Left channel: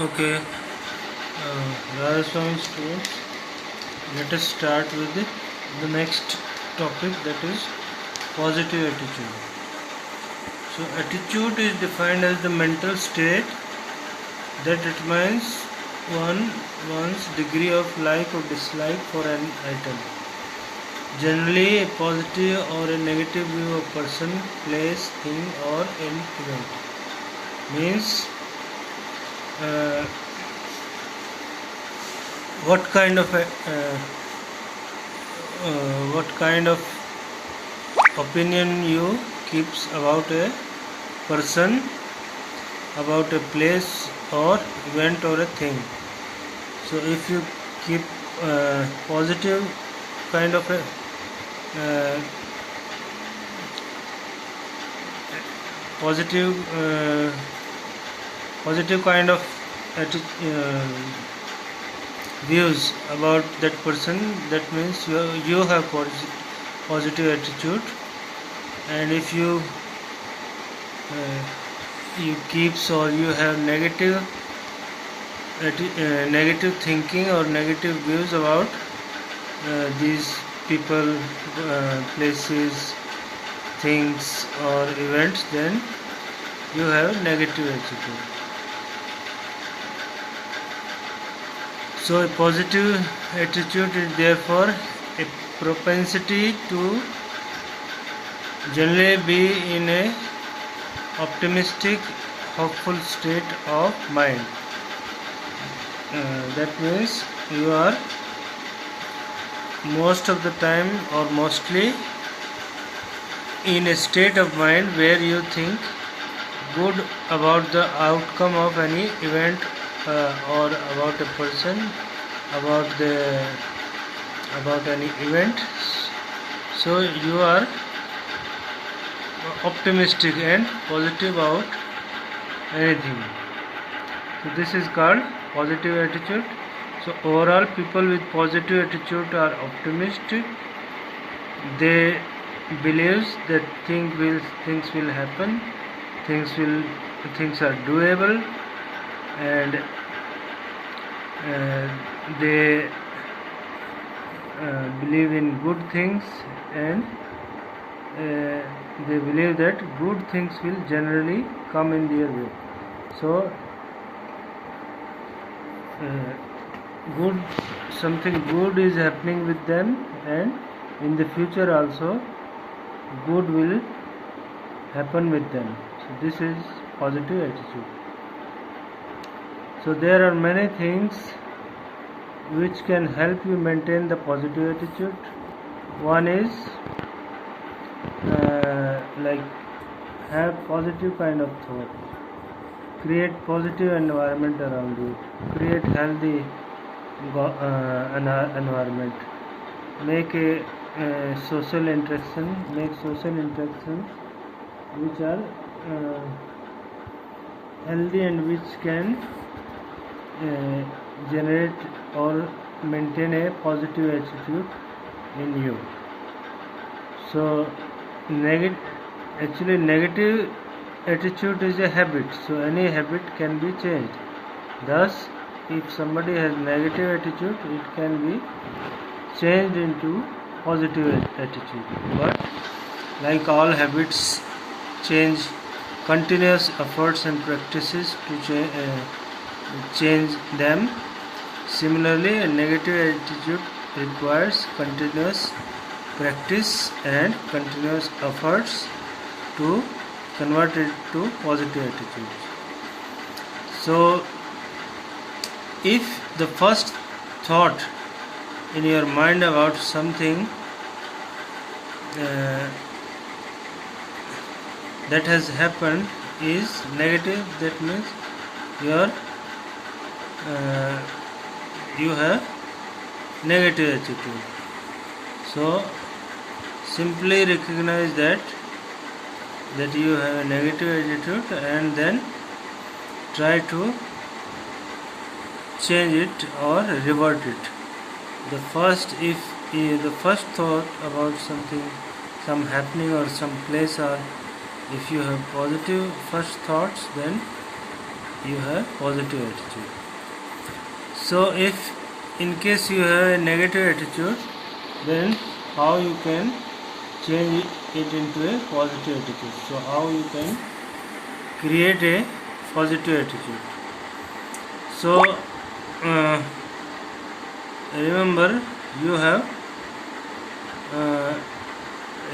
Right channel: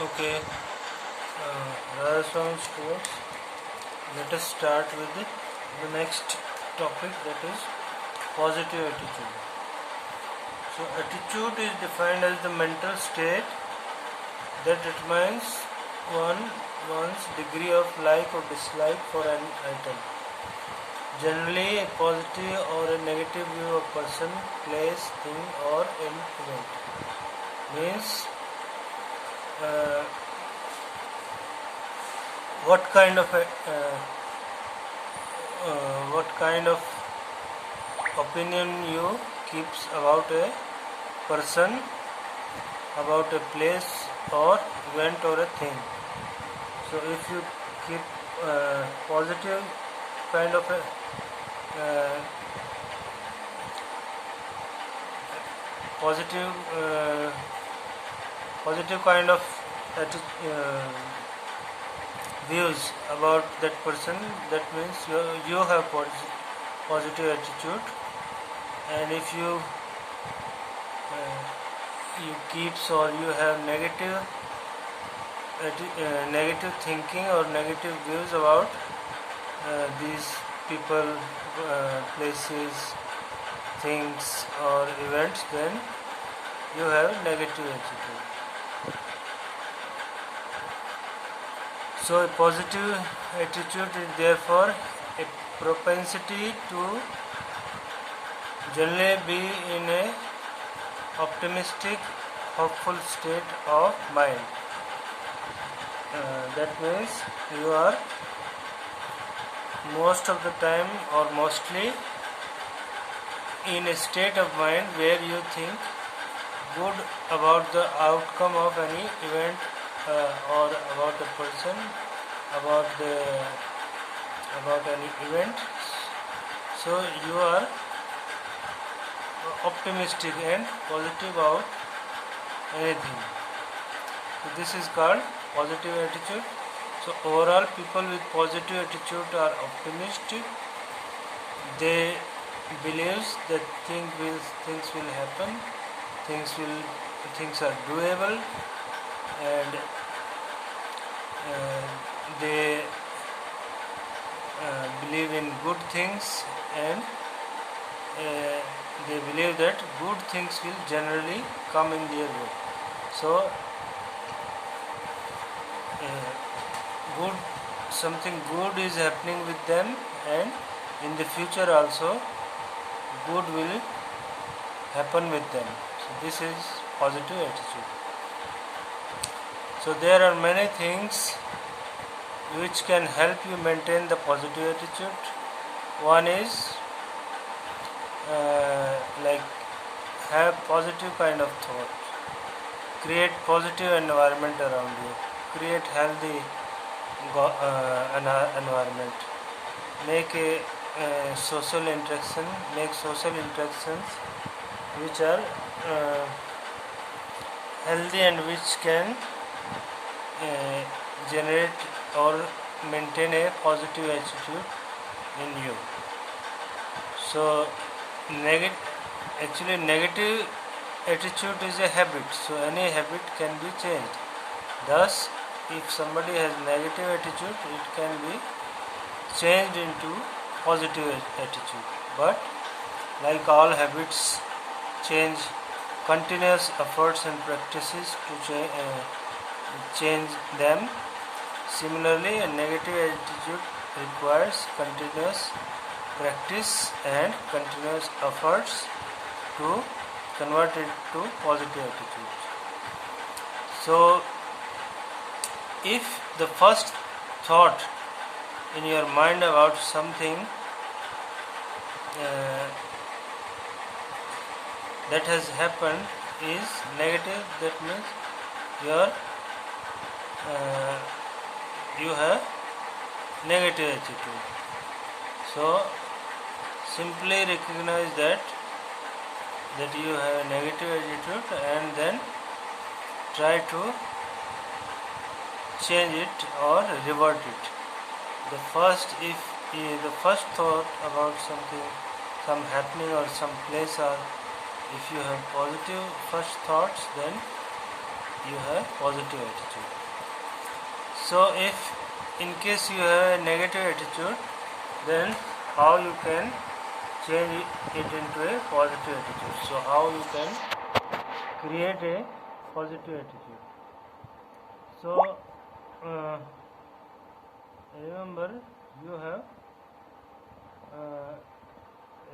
Okay, Radhaswamy students, let us start with the next topic, that is positive attitude. So, attitude is defined as the mental state that determines one's degree of like or dislike for an item. Generally, a positive or a negative view of person, place, thing, or an event means uh, what kind of opinion you keeps about a person, about a place or event or a thing. So if you keep positive kind of a uh, positive positive kind of views about that person, that means you have positive attitude. And if you keeps or you have negative thinking or negative views about these people, places, things or events, then you have negative attitude. So a positive attitude is therefore a propensity to generally be in a optimistic, hopeful state of mind. That means you are most of the time or mostly in a state of mind where you think good about the outcome of any event or about a person, about any event. So you are optimistic and positive about anything. So this is called positive attitude. So overall, people with positive attitude are optimistic. They believe that things will happen, things are doable, and they believe in good things, and they believe that good things will generally come in their way. So something good is happening with them, and in the future also good will happen with them. So this is positive attitude. So there are many things which can help you maintain the positive attitude. One is like have positive kind of thought, create positive environment around you, create healthy environment, make a social interaction, make social interactions which are healthy and which can generate or maintain a positive attitude in you. So negative attitude is a habit, so any habit can be changed. Thus, if somebody has negative attitude, it can be changed into positive attitude. But like all habits change, continuous efforts and practices to change them. Similarly, a negative attitude requires continuous practice and continuous efforts to convert it to positive attitude. So if the first thought in your mind about something that has happened is negative, that means you have negative attitude. So simply recognize that you have a negative attitude, and then try to change it or revert it. The first thought about something, some happening or some place, or if you have positive first thoughts, then you have positive attitude. So if in case you have a negative attitude, then how you can change it into a positive attitude? So how you can create a positive attitude? So remember, you have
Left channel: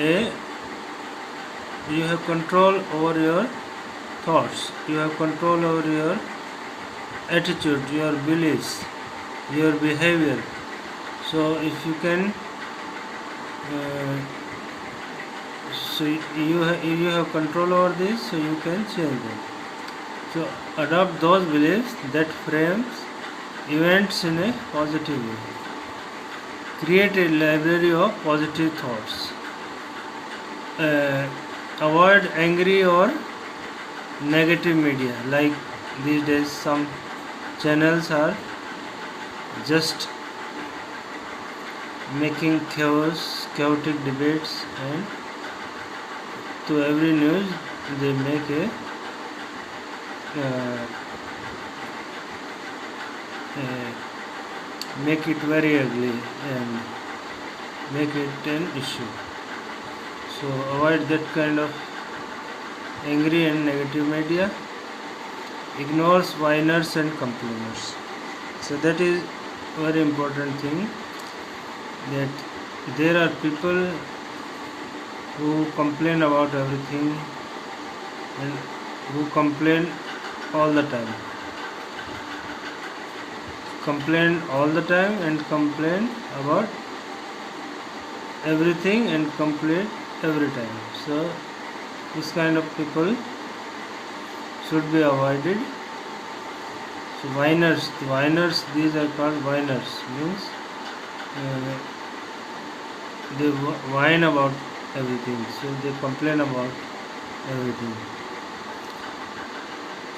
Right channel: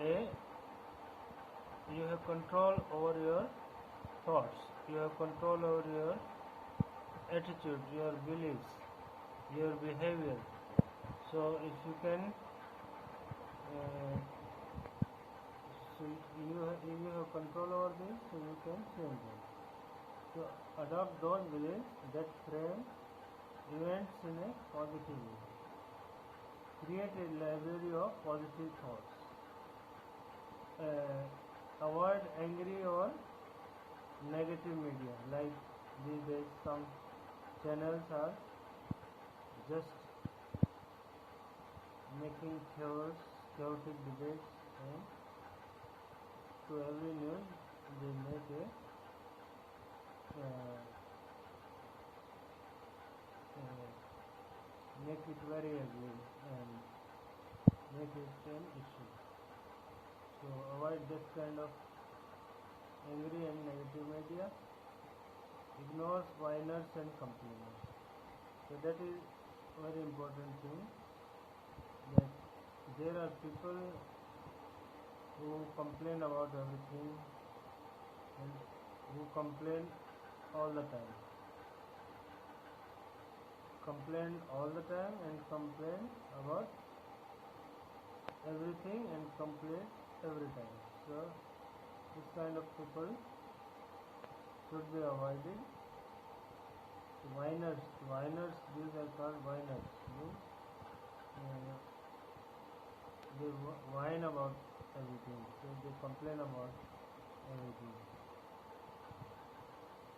a you have control over your thoughts, you have control over your attitude, your beliefs, your behavior. So if you can if you have control over this, so you can change them. So adopt those beliefs that frames events in a positive way. Create a library of positive thoughts. Avoid angry or negative media. Like these days, some channels are just making chaotic debates, and to every news they make a make it very ugly and make it an issue. So avoid that kind of angry and negative media. Ignores whiners and complainers. So that is very important thing, that there are people who complain about everything and who complain all the time. Complain all the time and complain about everything and complain every time. So this kind of people should be avoided. So whiners, these are called whiners, means they whine about everything, so they complain about everything.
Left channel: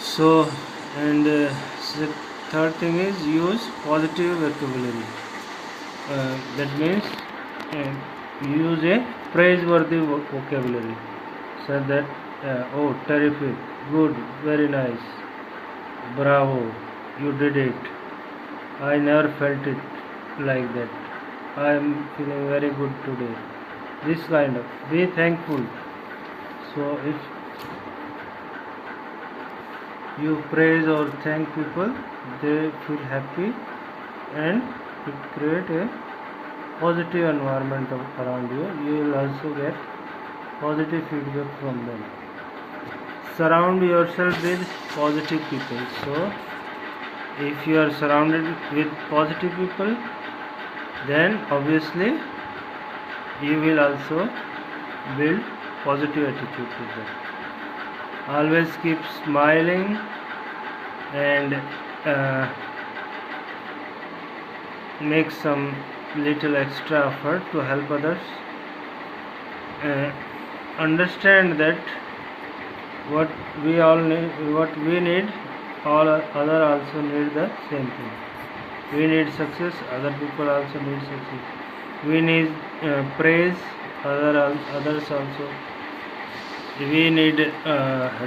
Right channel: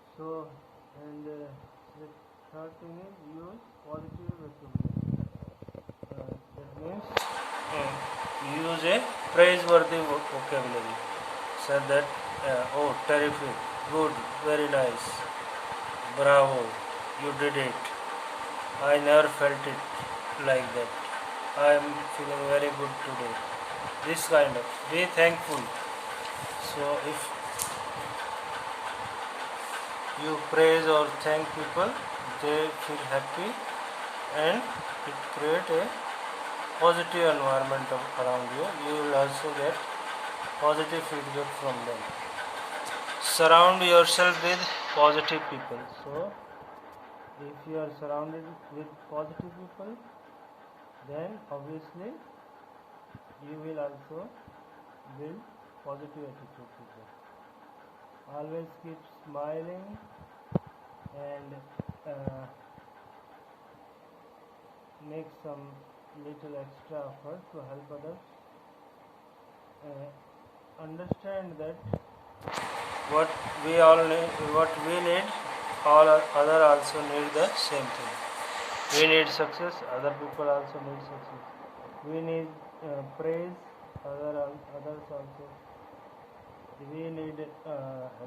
So, and the third thing is use positive vocabulary. That means use a praiseworthy vocabulary. So that oh, terrific, good, very nice, bravo, you did it, I never felt it like that, I am feeling very good today. This kind of, be thankful. So if you praise or thank people, they feel happy, and it create a positive environment around you. You will also get positive feedback from them. Surround yourself with positive people. So if you are surrounded with positive people, then obviously you will also build positive attitude with them. Always keep smiling and make some little extra effort to help others. Understand that what we need, all other also need the same thing. We need success, other people also need success. We need praise, others also. We need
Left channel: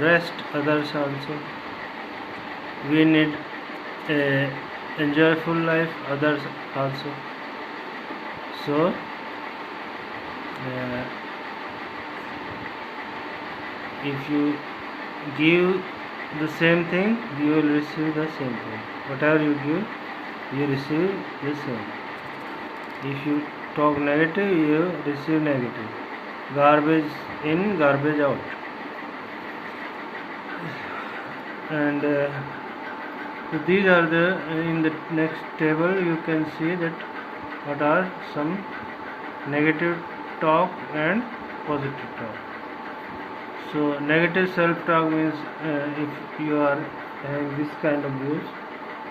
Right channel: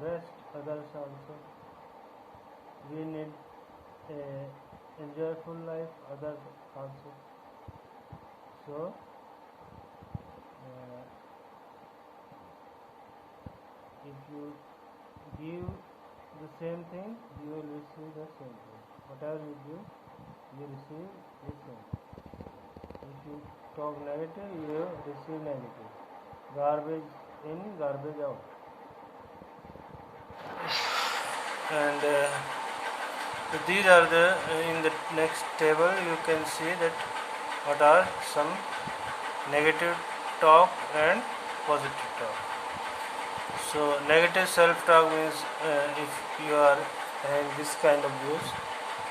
rest, others also. We need a enjoyable life, others also. So if you give the same thing, you will receive the same thing. Whatever you give, you receive the same. If you talk negative, you receive negative. Garbage in, garbage out. And so these are the in the next table you can see that what are some negative talk and positive talk. So negative self-talk means if you are having this kind of views,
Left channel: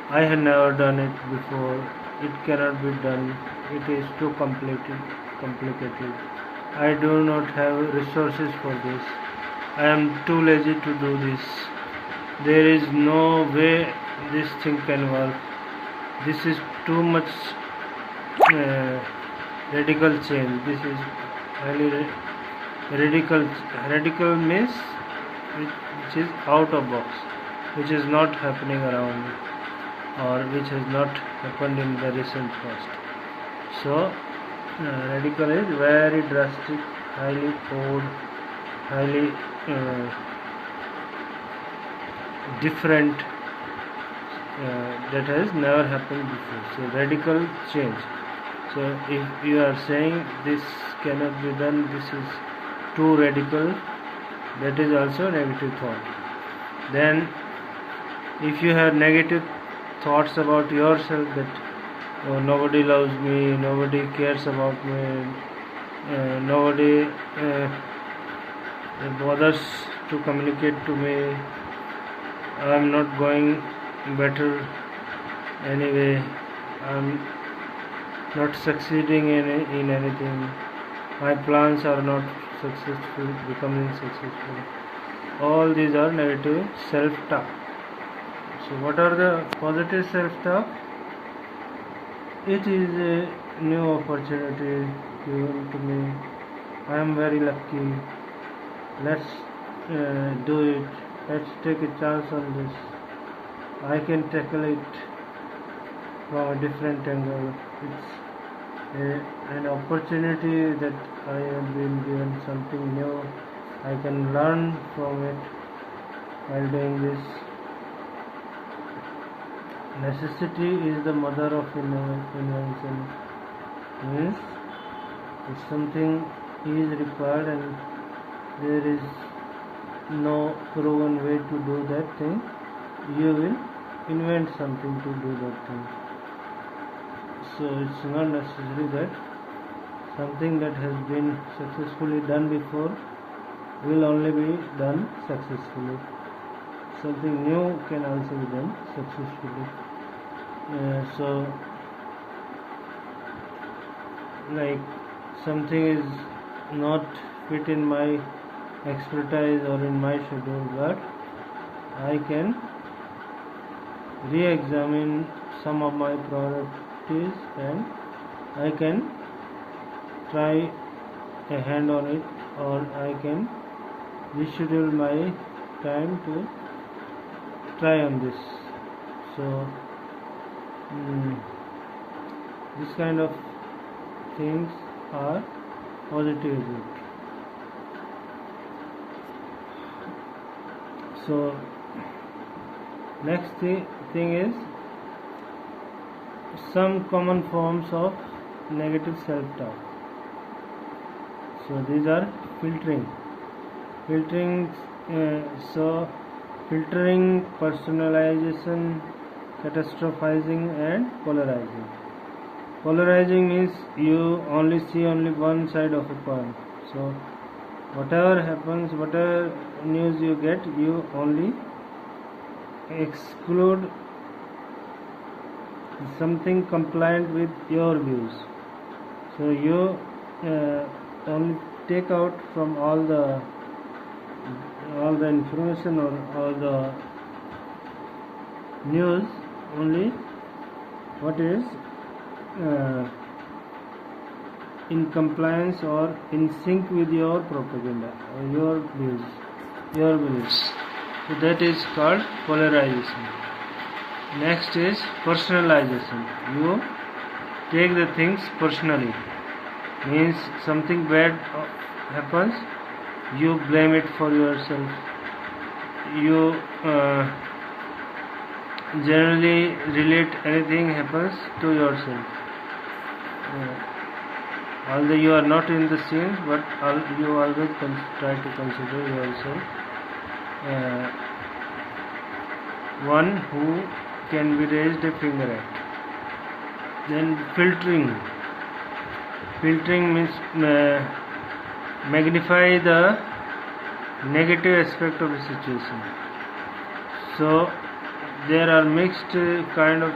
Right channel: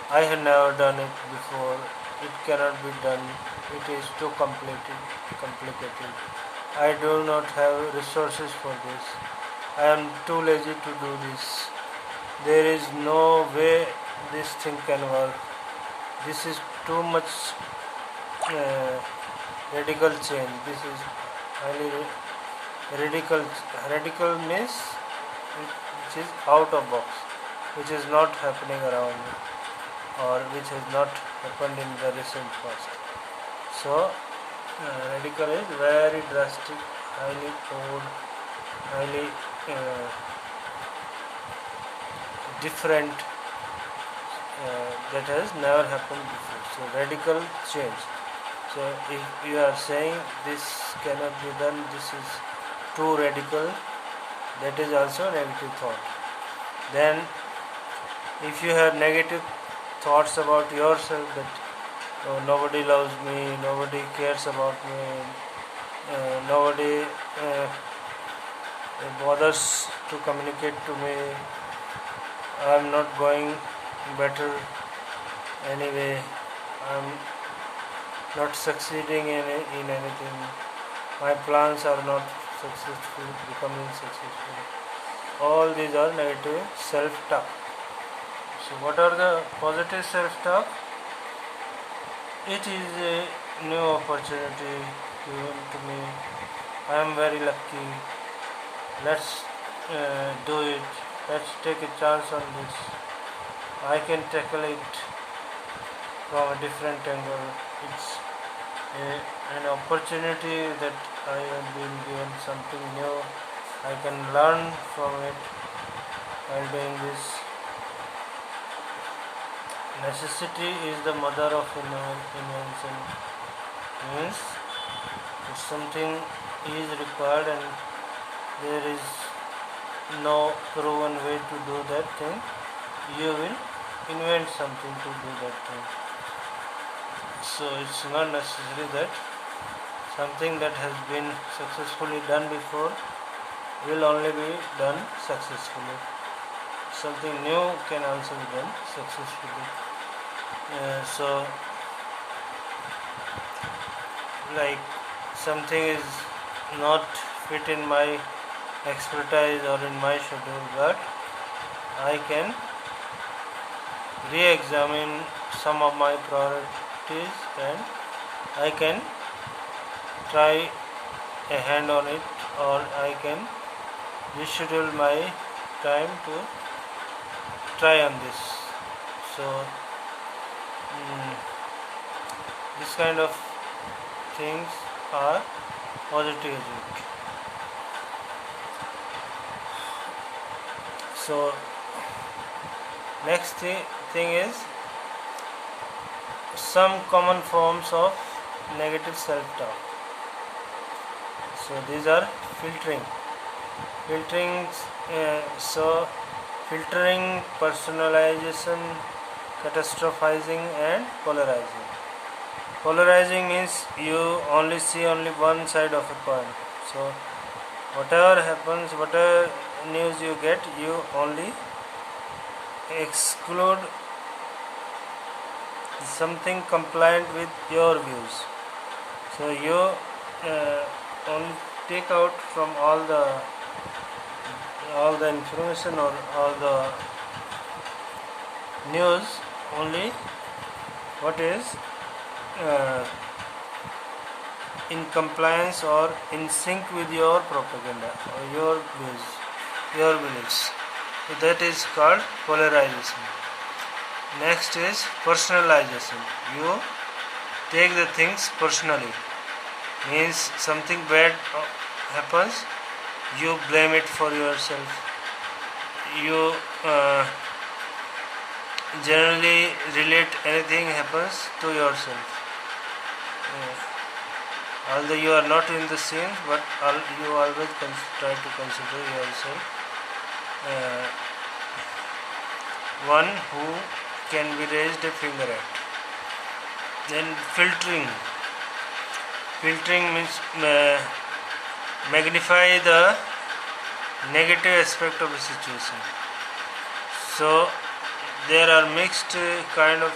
I have never done it before, it cannot be done, it is too complicated, I do not have resources for this, I am too lazy to do this, there is no way this thing can work, this is too much radical change, this is highly radical means which is out of box. which is not happening around or which has not happened in the recent past. So radical is very drastic, highly odd, highly different, that has never happened before. So radical change. So if you are saying this cannot be done, this is too radical, that is also negative thought. Then if you have negative thoughts about yourself, that oh, nobody loves me, nobody cares about me, nobody bothers to communicate to me, I am not going better anyway, I am not succeeding in anything, my plans are not successful, becoming successful. All these are negative self-talk. So what are the positive self-talk? It is a new opportunity given to me, I am very lucky, let's do it, let's take a chance on this, I can tackle it from a different angle, it's an opportunity that I have been given something new, I can learn from it while doing this. Necessity is the mother of invention, means if something is required and there is no proven way to do that thing, you will invent something to do that thing. So it's not necessary that something that has been successfully done before will only be done successfully. Something new can also be done successfully. So like something is not fit in my expertise or in my schedule, but I can re-examine some of my priorities and I can try a hand on it, or I can reschedule my time to try on this. So this kind of things are positive attitude. So next thing is some common forms of negative self-talk. So these are filtering, filtering, personalization, catastrophizing and polarizing. Polarizing means you only see only one side of a coin. So whatever happens, whatever news you get, you only exclude something compliant with your views. So you only take out from all the information or all the news only what is in compliance or in sync with your propaganda or your views, your beliefs. So that is called polarization. Next is personalization. You take the things personally. Means something bad happens, you blame it for yourself. You generally relate anything happens to yourself. Although you are not in the scene, but you always try to consider yourself one who can be raised a finger at. Then filtering. Filtering means magnify the negative aspect of a situation. So there are mixed kind of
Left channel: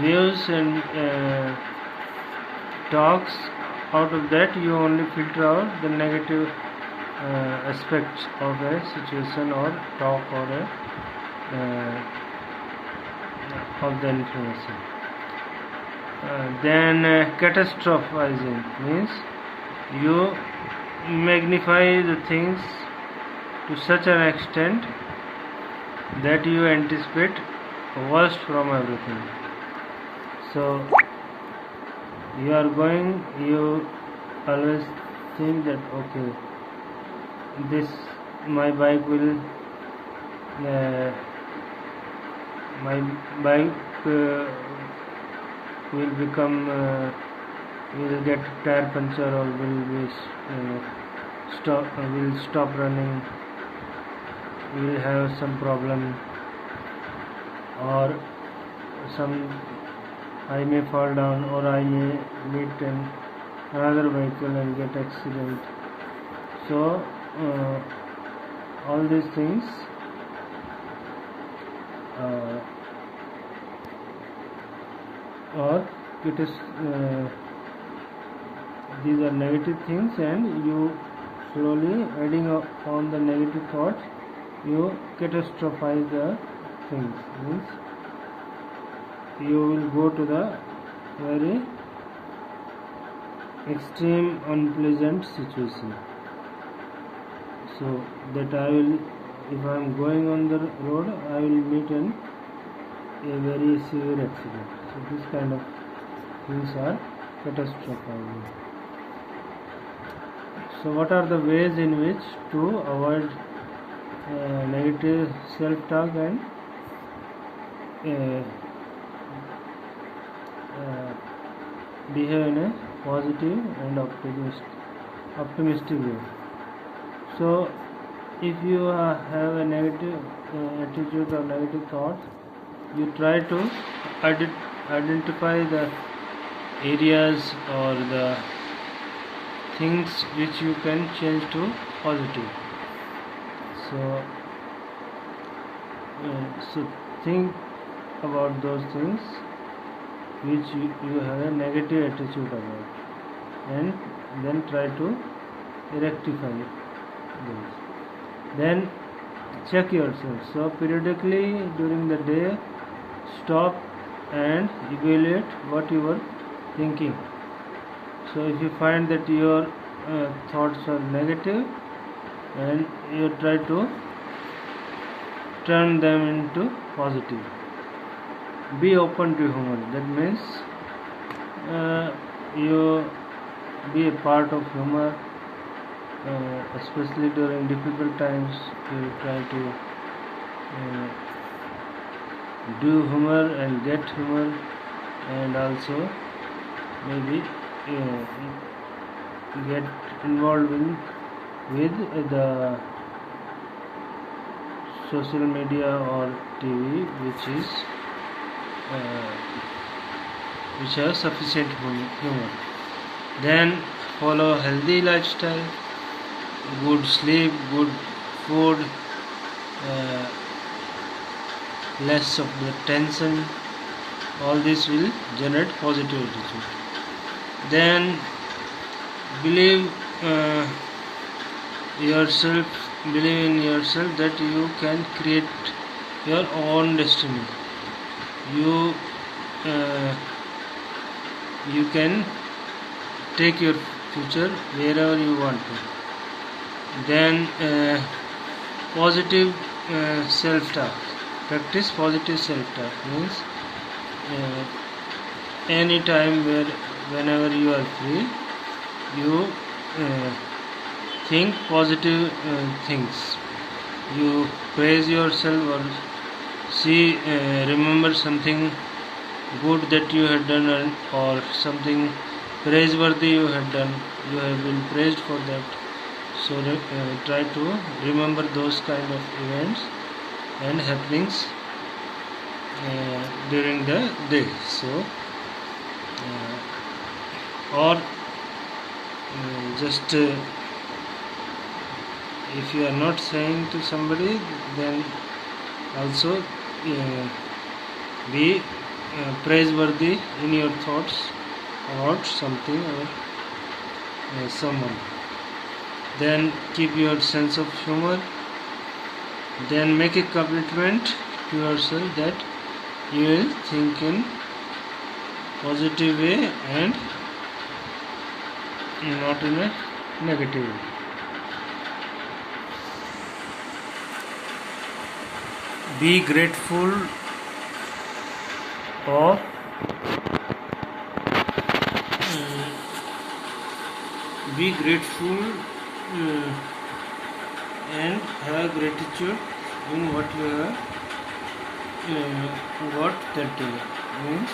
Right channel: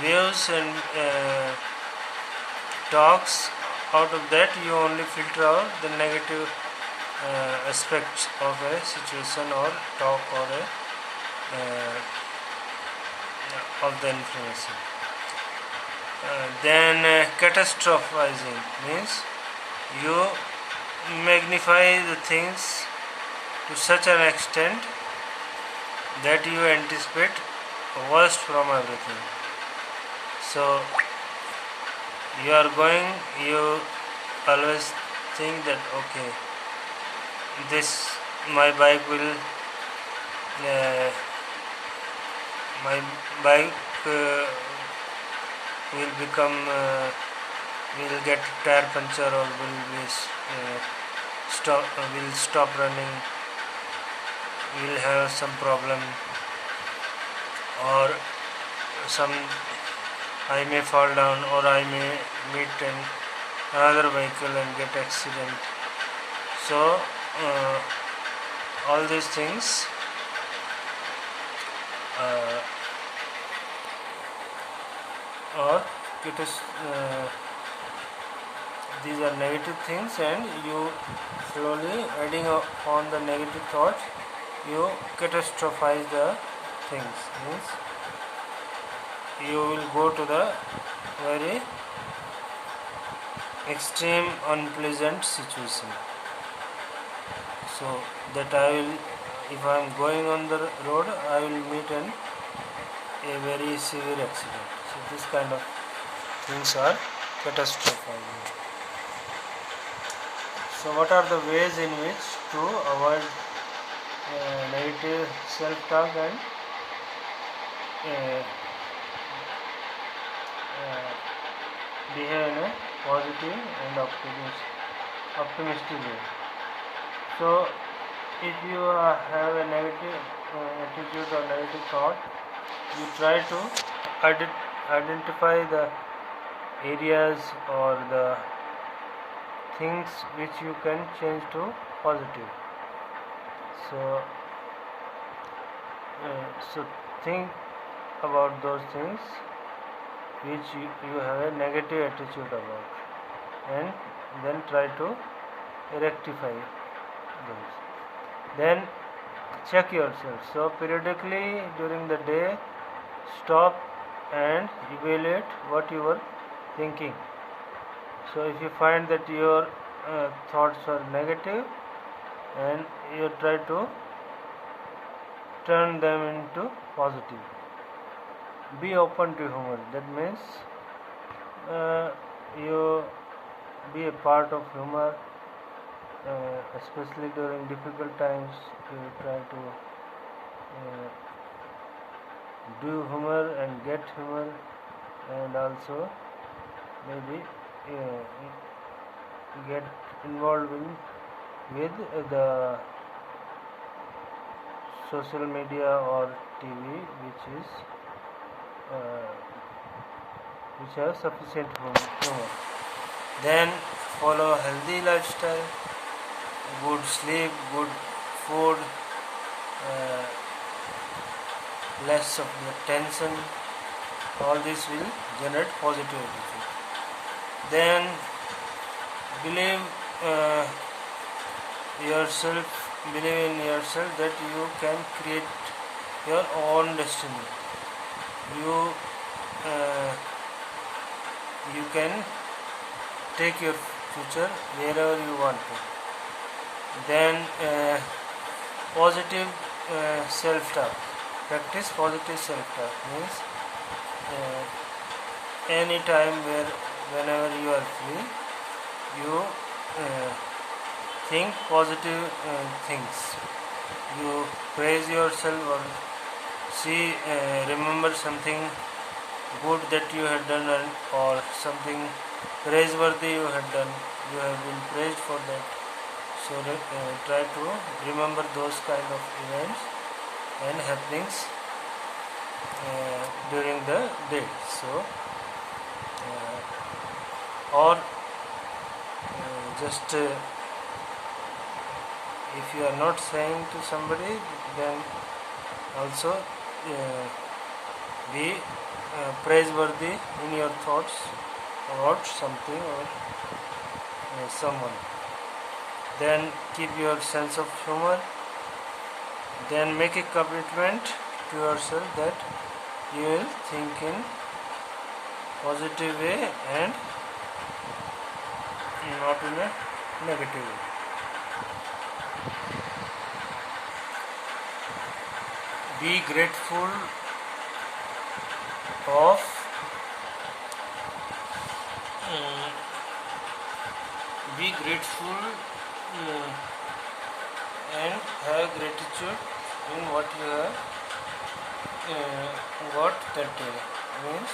views and talks. Out of that you only filter out the negative aspects of a situation or talk or of the information. Then catastrophizing means you magnify the things to such an extent that you anticipate worst from everything. So you are going, you always think that okay, this my bike will uh, my bike will become will get tire puncture, or will be will stop running, will have some problem, or some I may fall down, or I may meet another vehicle and get accident. So all these things uh, or it is these are negative things, and you slowly adding on the negative thoughts, you catastrophize the things. Means you will go to the very extreme unpleasant situation. So that I will, if I am going on the road, I will meet a very severe accident. So this kind of things are catastrophizing. So what are the ways in which to avoid negative self-talk and uh, behave in a positive and optimistic way? So if you have a negative attitude or negative thought, you try to identify the areas or the things which you can change to positive. So so think about those things which you have a negative attitude about, and then try to rectify those. Then check yourself. So periodically during the day, stop and evaluate what you were thinking. So if you find that your thoughts are negative, and you try to turn them into positive. Be open to humor. That means you be a part of humor, especially during difficult times. You try to do humor and get humor, and also maybe get involved with the social media or TV, which has sufficient humor. Then follow healthy lifestyle, good sleep, good food, less of the tension. All this will generate positive attitude. Then believe believe in yourself that you can create your own destiny. You you can take your future wherever you want to. Then positive self-talk. Practice positive self-talk. Means any time whenever you are free, you think positive things. You praise yourself, or remember something good that you had done, or something praiseworthy you had done. You have been praised for that. So try to remember those kind of events and happenings during the day. So or just if you are not saying to somebody, then also be praiseworthy in your thoughts about something or someone. Then keep your sense of humor. Then make a commitment to yourself that you will think in positive way and not in a negative way. be grateful of be grateful and have gratitude in what you have got that day. Means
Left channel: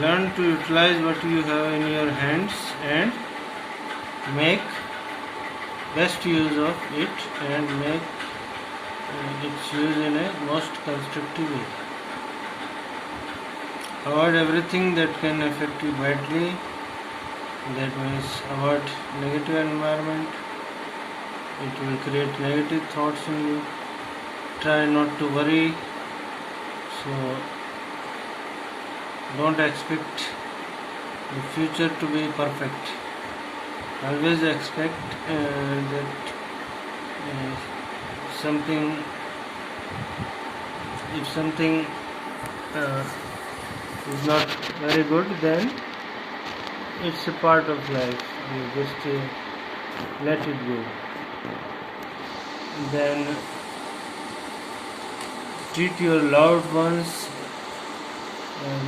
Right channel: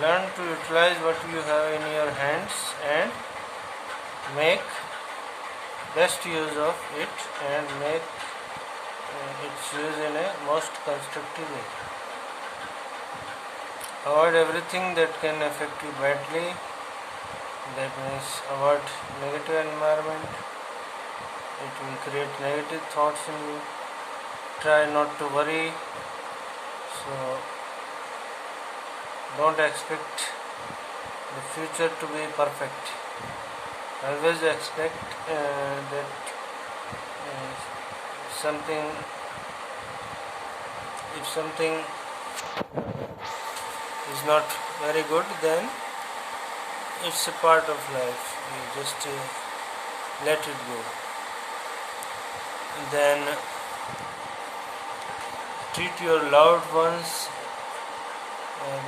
learn to utilize what you have in your hands and make best use of it and make its use in a most constructive way. Avoid everything that can affect you badly. That means avoid negative environment. It will create negative thoughts in you. Try not to worry. So don't expect the future to be perfect. Always expect that something, if something is not very good, then it's a part of life. You just let it go. Then treat your loved ones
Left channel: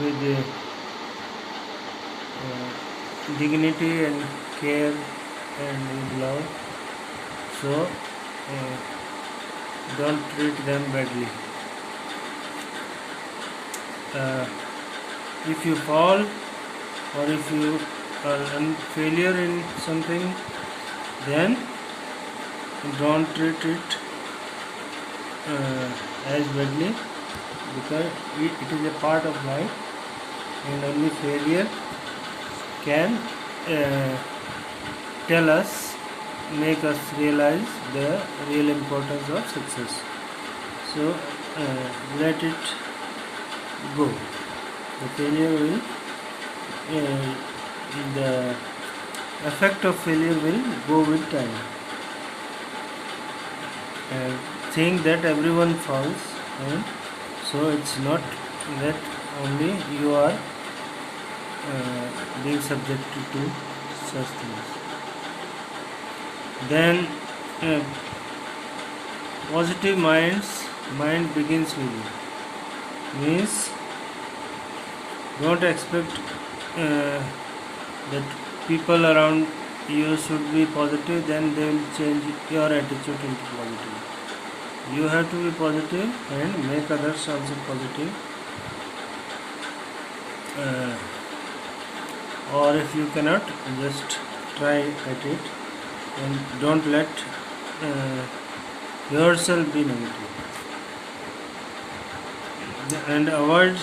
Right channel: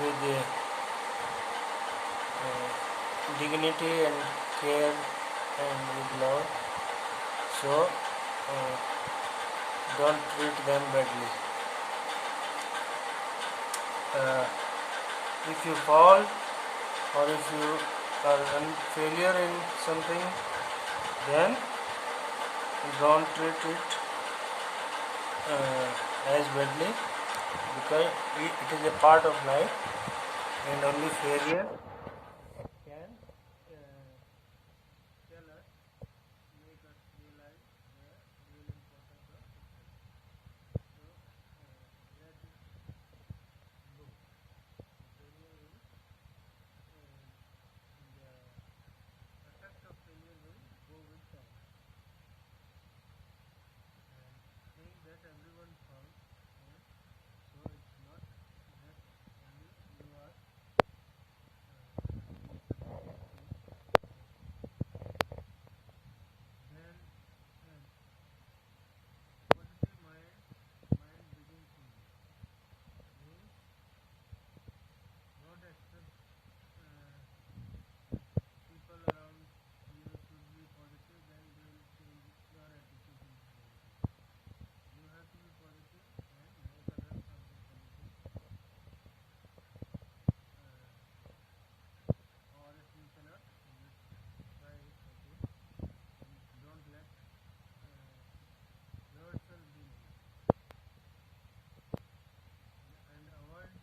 with dignity and care and with love. So don't treat them badly. If you fall or if you are a failure in something, then don't treat it as badly, because it is a part of life, and only failure can make us realize the real importance of success. So let it go. The failure will, the effect of failure will go with time. Think that everyone falls, and so it's not that only you are being subjected to such things. Then positive mind begins with you. Means don't expect that people around you should be positive, then they will change your attitude into positive. You have to be positive and make others also positive. Or if you cannot, just try at it, and don't let yourself be negative. And avoid